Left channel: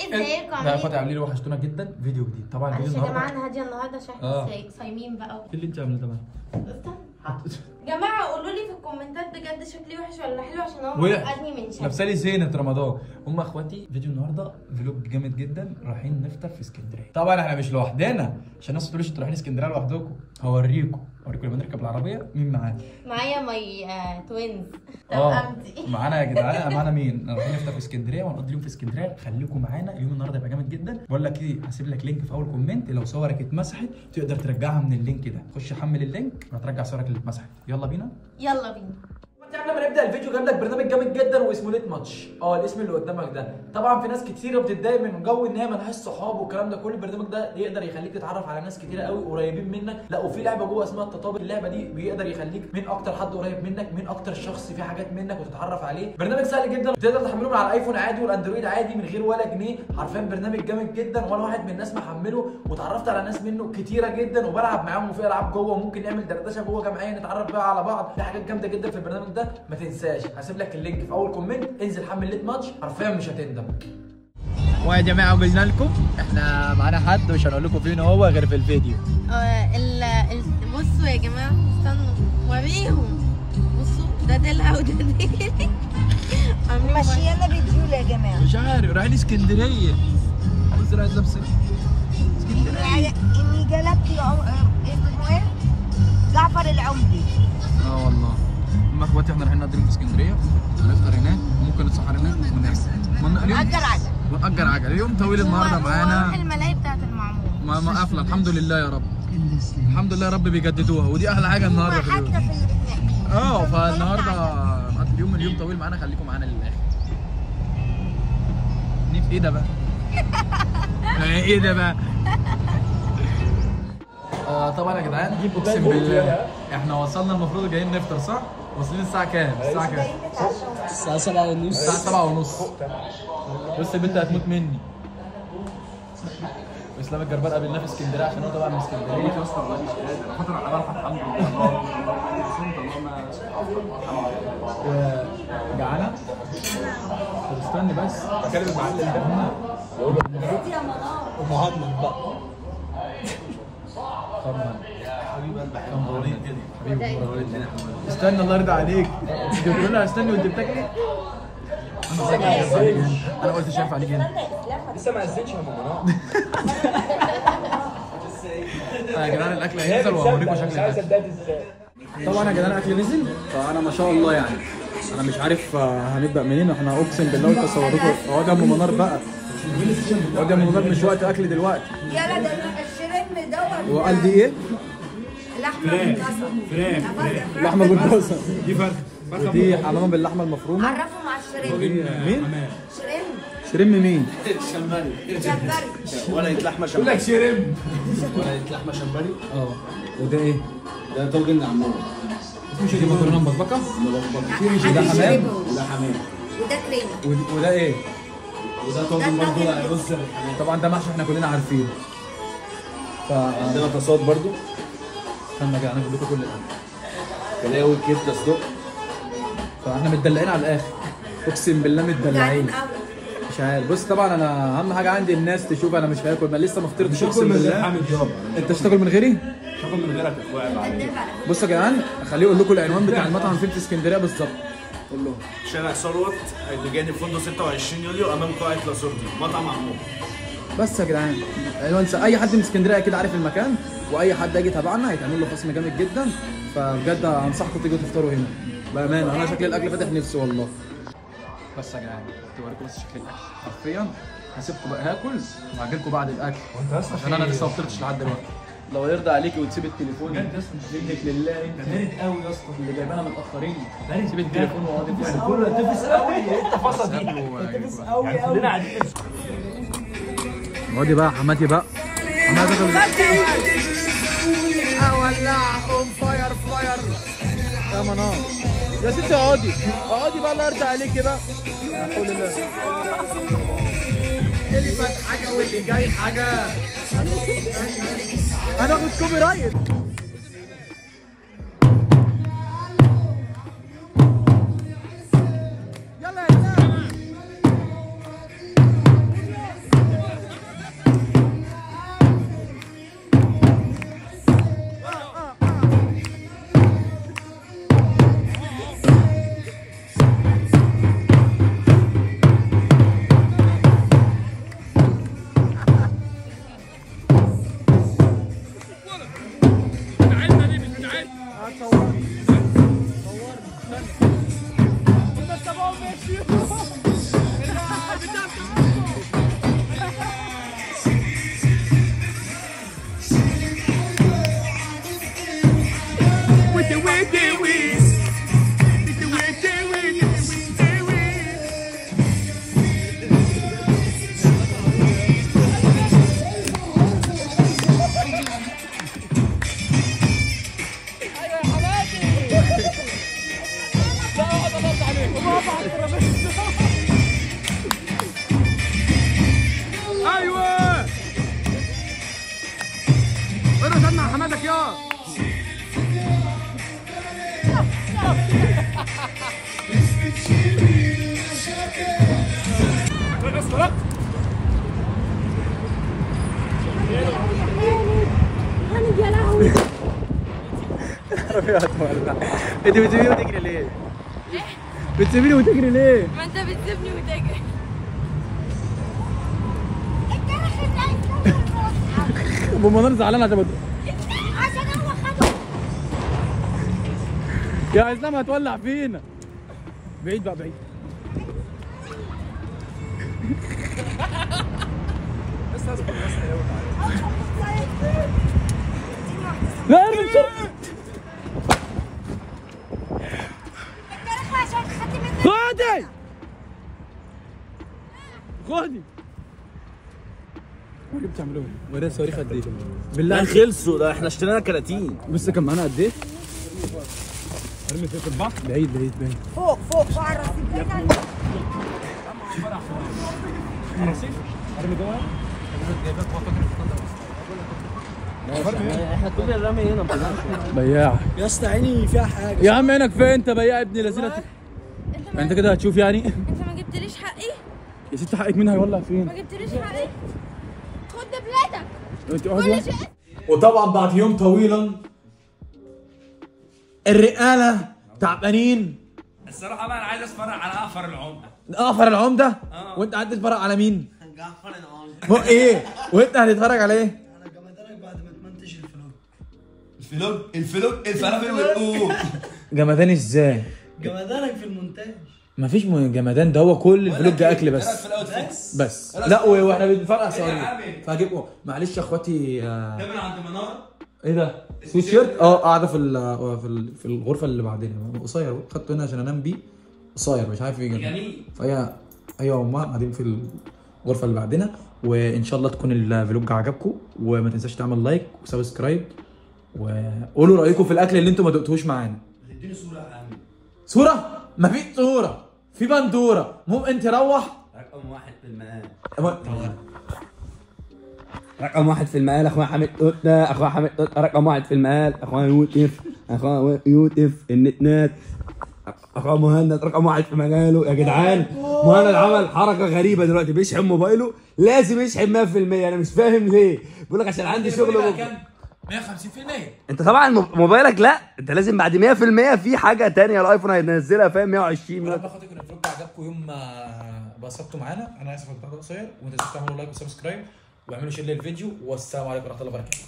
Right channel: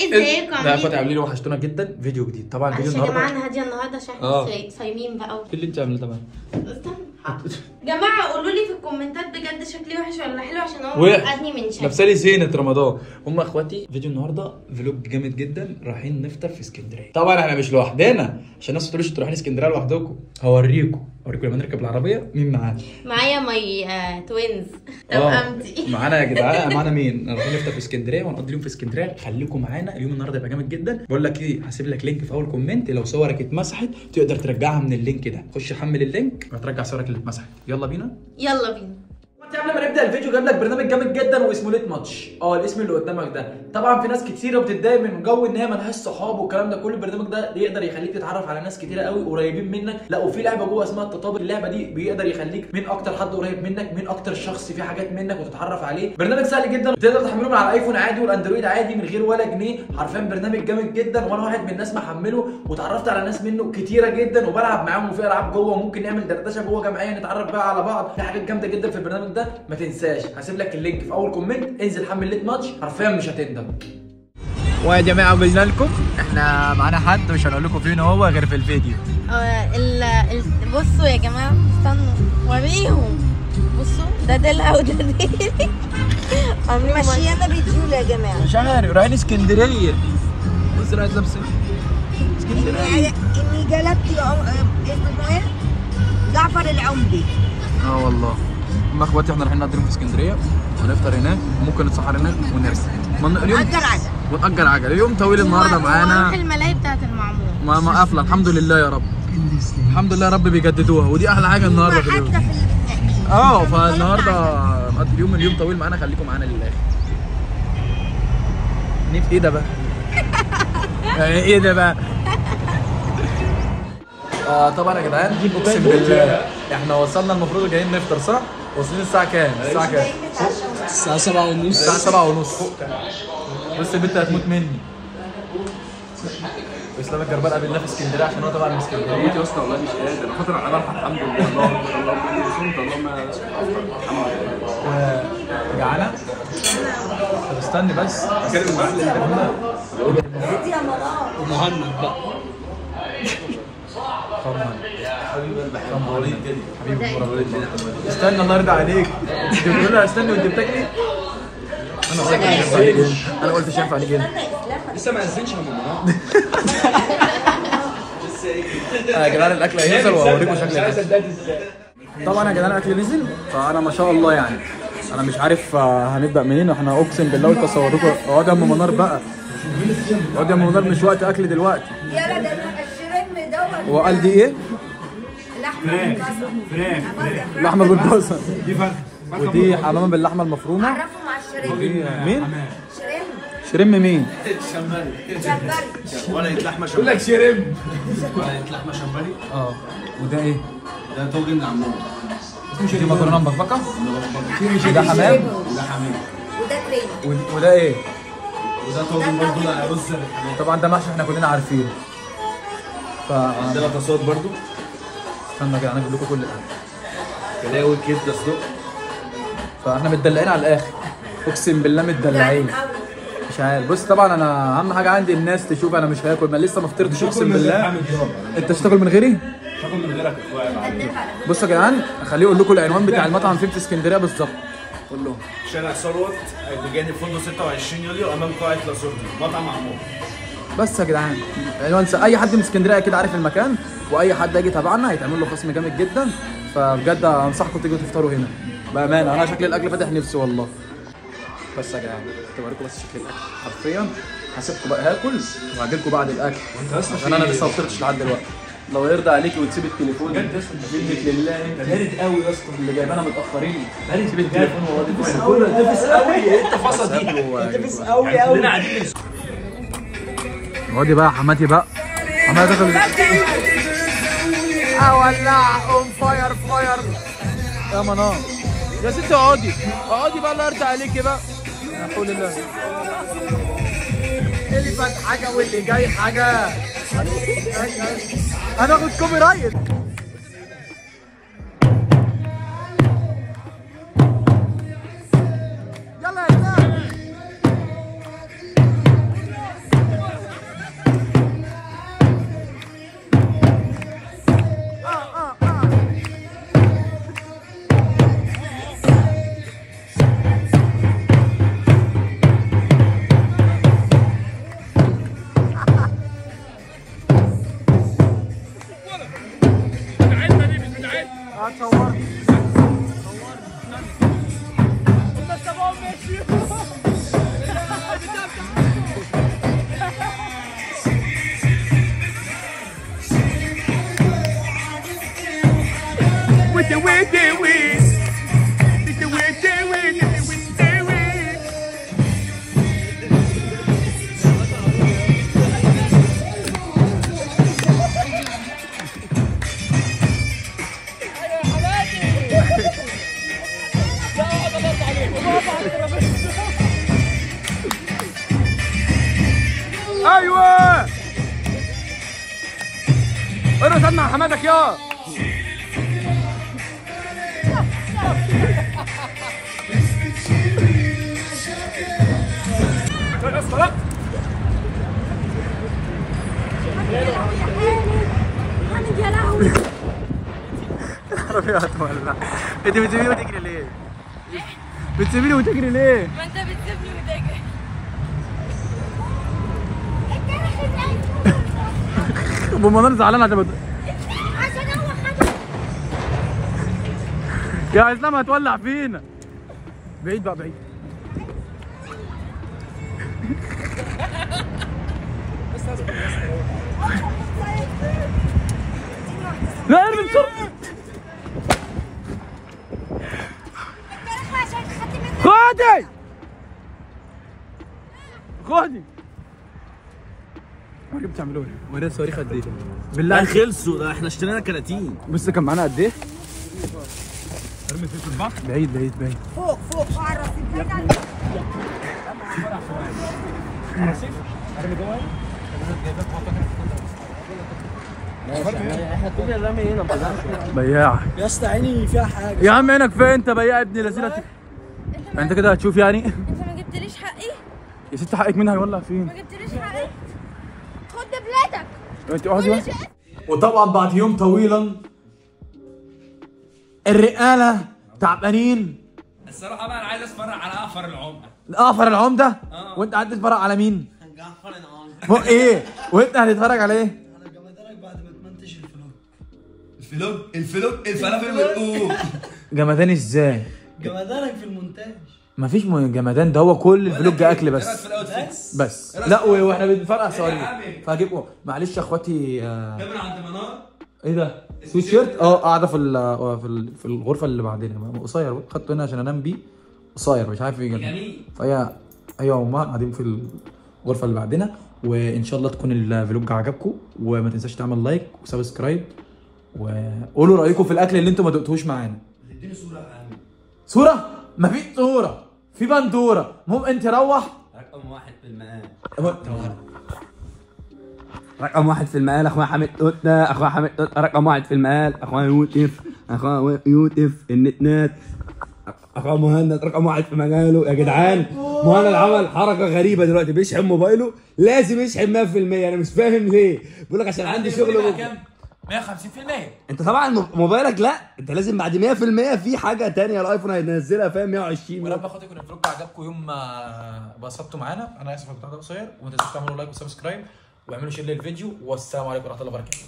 ازيكم لا عاملين كنت عاملين وحشتونا جدا. فيديو جديد طبعا. فيديو عشان النهارده معانا هاديه النهارده عشان احنا صايمين بقى ايه اللي انت عاملاه ده؟ استنى جماعه قولوا لي في الكومنتات بجد شكلي وحش ولا حلو عشان هو وحش. مقدني من شكلي. لابسه لي زينه رمضان. هم اخواتي فيديو النهارده فلوج جامد جدا. رايحين نفطر في اسكندريه. طبعا احنا مش لوحدنا عشان الناس ما تقولوش انتوا رايحين اسكندريه لوحدكم. اوريكم لما نركب العربيه مين معانا. معايا ماي توينز توأمتي. معانا يا جدعان. معانا مين؟ رايحين نفطر في اسكندريه وهنقضي اليوم في اسكندريه. خليكم معانا. اليوم النهارده هيبقى جامد جدا. بقول لك ايه، هسيب لك لينك في اول كومنت. لو صورك اتمسحت تقدر ترجعها من اللينك ده. خش حمل اللينك وهترجع صورك اللي اتمسحت. يلا بينا. يلا بينا. قبل ما نبدا الفيديو جايب لك برنامج جامد جدا واسمه ليت ماتش. الاسم اللي قدامك ده. طبعا في ناس كتيره بتتضايق من جو ان هي ملهاش صحاب والكلام ده كله. البرنامج ده يقدر يخليك تتعرف على ناس كتيره قوي قريبين منك. لا وفي لعبه جوه اسمها التطابق. اللعبه دي بيقدر يخليك من اكتر حد قريب منك، من اكتر شخص في حاجات منك وتتعرف عليه. برنامج سهل جدا تقدر تحمله من على الايفون عادي والاندرويد عادي من غير ولا جنيه. حرفيا برنامج جامد جدا وانا واحد من الناس محمله وتعرفت على ناس منه كتيره جدا وبلعب معاهم وفي العاب جوه وممكن نعمل دردشه جوه جمعيه نتعرف بقى على بعض. في حاجات جامده جدا في البرنامج ده ما تنساش. هسيب لك اللينك في اول كومنت. انزل حمل ليت ماتش حرفيا مش هتندم. ويا جماعه قلنا لكم احنا معانا حد مش هنقول لكم فين هو غير في الفيديو. بصوا يا جماعه استنوا وريهم. بصوا ده دلع وده ديلي. ماشيانا بيديول يا جماعه. مش عارف رايحين اسكندريه. بص رايح لابسه اسكندريه. اني جلبت اسمه ايه؟ جعفر العمدي. والله هم اخواتي. احنا رايحين نقضي يوم في اسكندريه ونفطر هناك وممكن نتسحر هناك ونرجع. ونأجر عجل. اليوم طويل النهارده معانا. نروح الملاهي بتاعت المعمور. ما قافله الحمد لله يا رب. الحمد لله يا رب بيجددوها ودي احلى حاجه النهارده في اليوم. فالنهارده نقضي اليوم طويل معانا. خليكم معانا للاخر. ايه ده بقى؟ ايه ده بقى؟ طبعا يا جدعان اقسم بالله احنا وصلنا. المفروض جايين نفطر صح؟ واصلين الساعة كام؟ الساعة 7:30. الساعة 7:30. بص البنت هتموت مني. اسلام الجربان قابل الله في اسكندريه عشان هو طبعا من اسكندريه. موت يا اسطى والله مش قادر. انا خاطر على الحمد لله. الله اكبر الله اكبر. صمت اللهم الحمد لله. جعانة؟ استني بس. كلمة المعلم ده يا مرار. مهند بقى. استنى الله يرضى عليك. استنى وانت بتاكلي. انا قلت مش هينفع نيجي هنا. لسه ما اذنش من يا جدعان الاكل هينزل واوريكم شكل الاكل. طبعا يا جدعان الاكل نزل. فانا ما شاء الله يعني انا مش عارف هنبدا منين. احنا اقسم بالله قلت اصوركم. اقعد يا ام منار بقى. اقعد يا ام منار مش وقت اكل دلوقتي. يا لا ده الشريم دوت. وقال دي ايه؟ لحمه بالبصل. لحمه بالبصل. دي فرخه. ودي حمام باللحمه المفرومه. عرفوا مع الشريم. مين؟ شريم. شريم مين؟ شمبري. ورقة لحمة يقول لك شريم. ورقة لحمة شمبري. وده ايه؟ ده طاجن عمون. دي مكرونه مبكبكه. ده حمام. وده حمام. وده كريمه. وده ايه؟ وده طاجن برضه رز. طبعا ده محشي احنا كلنا عارفينه. عندنا تصاد برضه. استنى كده انا اجيب لكم كل الاكل. تلاقي كبده صدق. فاحنا متدلعين على الاخر. اقسم بالله متدلعين. مش عارف. بص طبعا انا اهم حاجه عندي الناس تشوف. انا مش هاكل. ما لسه ما فطرتش اقسم بالله. انت مش هتاكل من غيري؟ مش هاكل من غيرك يا اخويا. بصوا يا جدعان خليه يقول لكم العنوان بتاع المطعم فين في اسكندريه بالظبط. قول لهم. شارع ثروت بجانب فندق 26 يوليو امام قاعه لاسوردي مطعم عمون. بس يا جدعان عنوان اي حد من اسكندريه اكيد عارف المكان. واي حد هيجي تبعنا هيتعمل له خصم جامد جدا. فبجد انصحكم تيجوا تفطروا هنا بامانه. انا شكل الاكل فاتح نفسي والله. بس يا جدعان توريكم بس شكل الاكل حرفيا. هسيبكم بقى هاكل وهاجي لكم بعد الاكل عشان انا لسه ما فطرتش لحد دلوقتي. لو يرضى عليك وتسيب التليفون. بجد يا اسطى لله انت بارد قوي يا اسطى. اللي جايبانا متاخرين. بارد تسيب التليفون والله. تفس قوي. تفس قوي. انت فصل دي. تفس قوي قوي. كلنا قاعدين. اقعدي بقى حماتي بقى. حماتي اولع اون فاير فاير يا منار. يا ستي اقعدي بقى. الله يرضى عليكي بقى. قولي الله. اللي فات حاجه واللي جاي حاجه. هناخد كوبي رايت. يلا يا جماعه. ايوه ارقص مع حمادك يا انت بتسيبيني وتجري ليه؟ بتسيبيني وتجري ليه؟ ما انت بتسيبني وتجري. بمنار زعلان عشان يا اسلام هتولع فينا. بعيد بقى بعيد. لا خدي خدي ما بتعملوا ايه؟ ورينا الصواريخ قد ايه؟ بالله خلصوا ده احنا اشترينا كراتين. بص كان معانا قد ايه؟ بعيد بعيد بعيد. فوق فوق على احنا كلنا الرمي هنا ما بياع يا اسطى عيني فيها حاجه. يا عم عينك فين انت بياع ابن لذينه؟ انت كده هتشوف يعني؟ انت ما جبتليش حقي؟ يا ست حقك منها هيولع فين؟ ما جبتليش حقي؟ خد دبلتك. انت واحده. وطبعا بعد يوم طويلا الرقاله تعبانين. الصراحة بقى أنا عايز أتفرج على أقفر العمدة. اقفر العمده؟ وانت قاعد تتفرج على مين؟ جعفر العمدة. فوق ايه؟ وانت هتتفرج على ايه؟ انا جمدانك بعد ما تمنتج الفلوج الفلافل والقوم. جمدان ازاي؟ جمدانك في المونتاج. مفيش جمدان، ده هو كل الفلوج اكل بس. في الاوتفيتس بس لا واحنا بنفرقع صواريخ فهجيبكم. معلش يا اخواتي. كاميرا عند المناره. ايه ده؟ سويت شيرت؟ قاعده في الغرفه اللي بعدين. قصير خدته هنا عشان انام بيه. قصير مش عارف يجي جميل. فهي ايوه امها قاعدين في الغرفه اللي بعدنا. وان شاء الله تكون الفلوج عجبكم وما تنساش تعمل لايك وسبسكرايب وقولوا رايكم في الاكل اللي انتم ما دقتوهوش معانا. اديني صوره يا عم. صوره؟ مفيش صوره، في بندوره. المهم انت روح. رقم واحد في المقال. رقم واحد في المقال اخويا حامد قطه. اخويا حامد قطه رقم واحد في المقال. اخويا يوسف. اخويا يوسف النتنات. اخويا مهند رقم واحد في مجاله. يا جدعان مهند عمل حركه غريبه دلوقتي بيشحن موبايله. لازم يشحن 100%. انا مش فاهم ليه. بيقول لك عشان عندي شغل كام؟ 150%. انت طبعا موبايلك لا انت لازم بعد 100% في حاجه ثانيه الايفون هينزلها فاهم 120. ولما اخواتي يكون الفلوج عجبكم يوم ما بسطتوا معانا. انا اسف البتاع ده قصير وما تنسوش تعملوا لايك وسبسكرايب واعملوا شير للفيديو والسلام عليكم ورحمه الله وبركاته.